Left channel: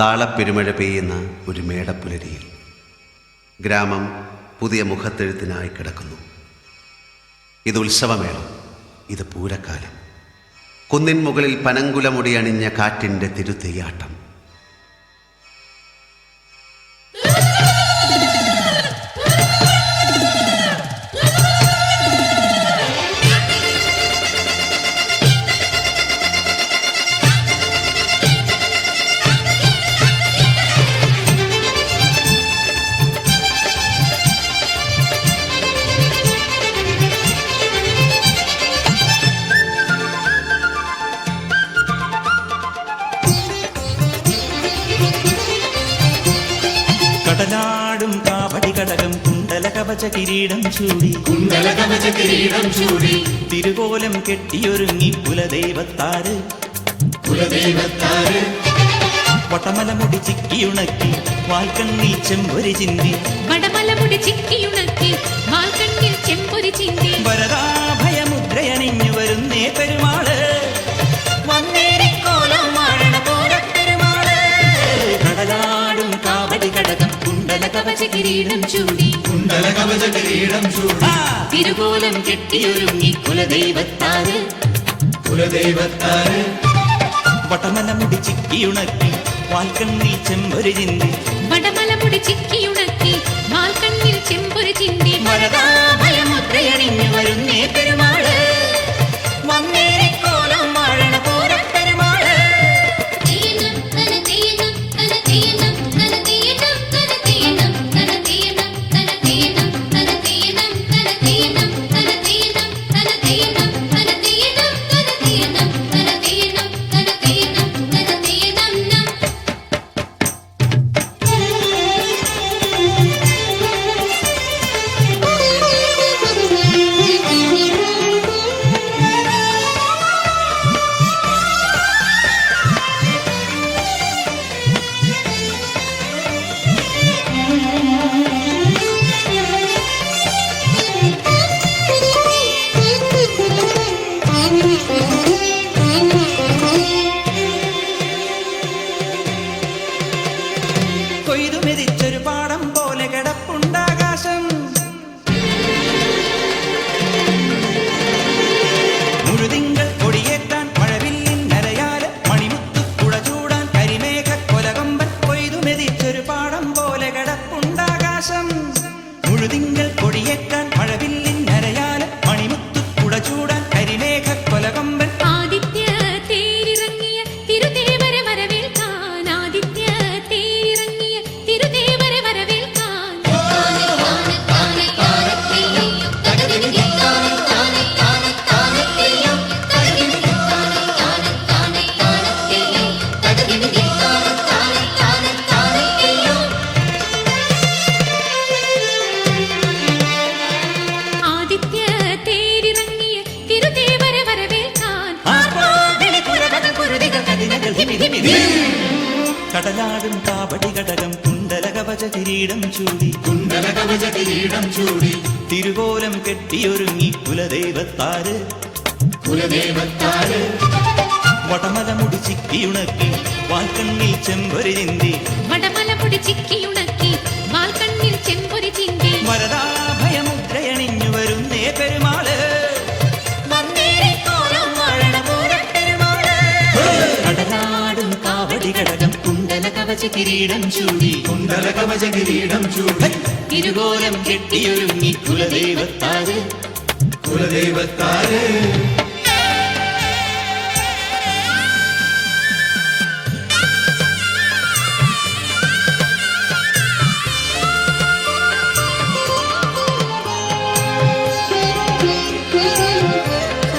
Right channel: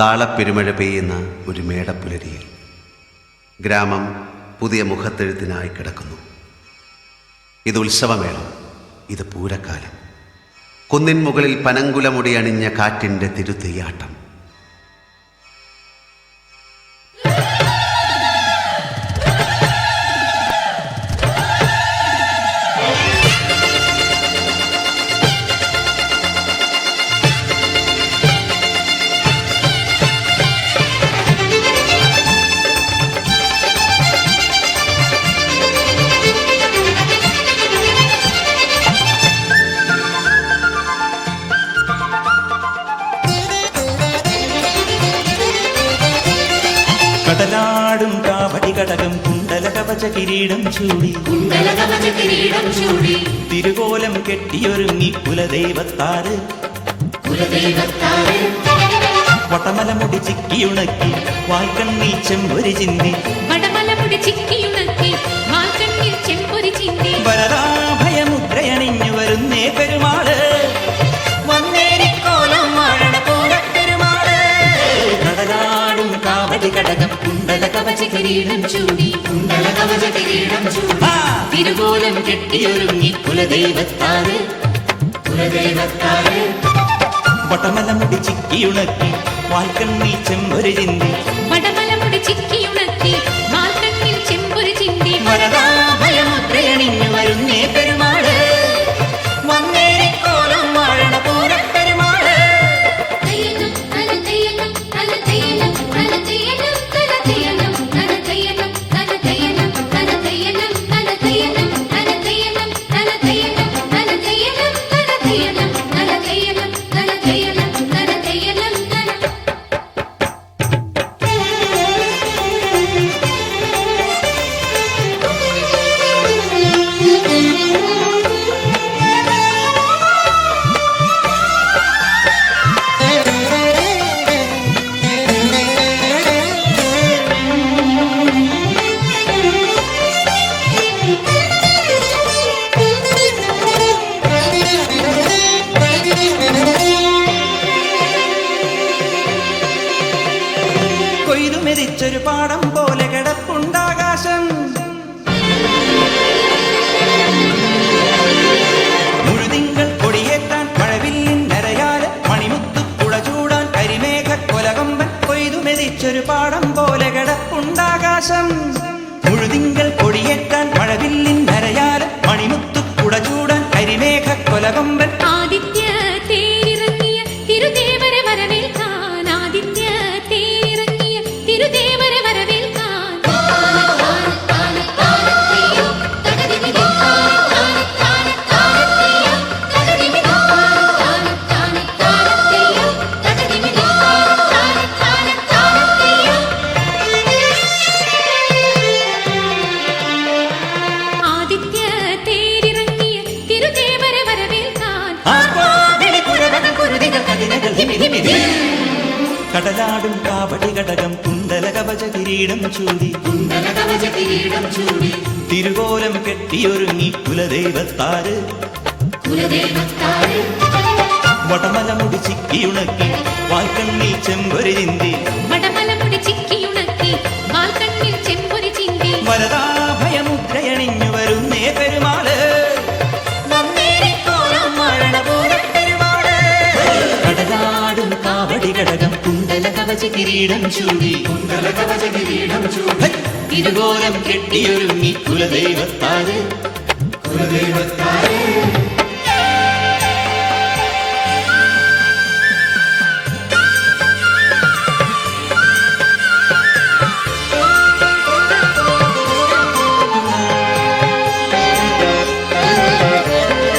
താളപ്പെരുമഴ പെയ്യുന്ന ഒരു മേടപ്പുലരിയിൽ ഗ്രാമം പുതിയ മുഖത്തെഴുത്തിനായി കിടക്കുന്നു. ഇത് ഉത്സവമേളം ഇത് പൂരക്കാലം. കുന്നിൻ മുകളിൽ പനങ്കുലമുടി അണിഞ്ഞ കാറ്റിന്റെ തിരുതെയ്യാട്ടം കടലാടും കാവടി കടകം കുണ്ടല കവച കിരീടം ചൂടി. കുണ്ടലകവച കിരീടം ചൂടി. തിരുകോലം കെട്ടിയൊരുങ്ങി കുലദൈവത്താറ് കുലദൈവത്താറ് വടമല മുടി ചിക്കിയുണക്കി വാൽക്കണ്ണി ചെമ്പൊരി ചിന്തി. വടമലമുടി ചിക്കിയുണക്കി വാൽക്കണ്ണിൽ ചെമ്പൊരി ചിന്തി. വരദാഭയമുദ്രയണിഞ്ഞു വരുന്നേ പെരുമാൾ. വന്നേരിക്കോലം വാഴണ പെരുമാൾ. കടലാടും കാവടി കടകം കുണ്ടല കവച കിരീടം ചൂടി കുണ്ടലകവച കിരീടം ചൂടി തിരുകോലം കെട്ടിയൊരുങ്ങി കുലദൈവത്താറ് കുലദൈവത്താറ് വടമല മുടി ചിക്കിയുണക്കി വാൽക്കണ്ണിൽ ചെമ്പൊരു ചിന്തി. വടമലമുടി ചിക്കിയുണക്കി വാൽക്കണ്ണിൽ ചെമ്പൊരു ചിന്തി. വരദാഭയമുദ്രയണിഞ്ഞു വരുന്നേ പെരുമാൾ. കൊയ്തു മെതിച്ചൊരു പാടം പോലെ കിടപ്പുണ്ടാകാശം. മുഴുതിങ്കൾ കൊടിയേറ്റാൻ മഴവില്ലിൻ നരയാൽ മണിമുത്തു ചൂടാൻ കരിമേഘ കൊലകൊമ്പൻ കൊയ്തു മെതിച്ചൊരു പാടം പോലെ കിടപ്പുണ്ടാകാശം. മുഴുതിങ്കൾ കൊടിയേറ്റാൻ മഴവില്ലിൻ നരയാൽ മണിമുത്തു ചൂടാൻ കരിമേഘ കൊലകമ്പൻ. ആദിത്യ കടലാടും കാവടി ഘടകം കുണ്ടല കവച കിരീടം ചൂടി. കുണ്ടല കവച കിരീടം ചൂടി. തിരുകോലം കെട്ടിയൊരുങ്ങി കുലദൈവത്താര്. കുലദൈവത്താര്. വടമലമുടി ചിക്കിയുണക്കി വാൽക്കണ്ണിൽ ചെമ്പൊരി ചിന്തി. വടമല മുടി ചിക്കിയുണക്കി വാൽക്കണ്ണിൽ ചെമ്പൊരി ചിന്തി. വരദാഭയമുദ്രയണിഞ്ഞു വരുന്നേ പെരുമാൾ. ഘടകം കുണ്ടല കവച കിരീടം ചൂടി. കുണ്ടല കവച കിരീടം ചൂടി. ഇരുകോലം കെട്ടിയൊരുങ്ങി കുലദൈവത്താര്. കുലദൈവത്താര്.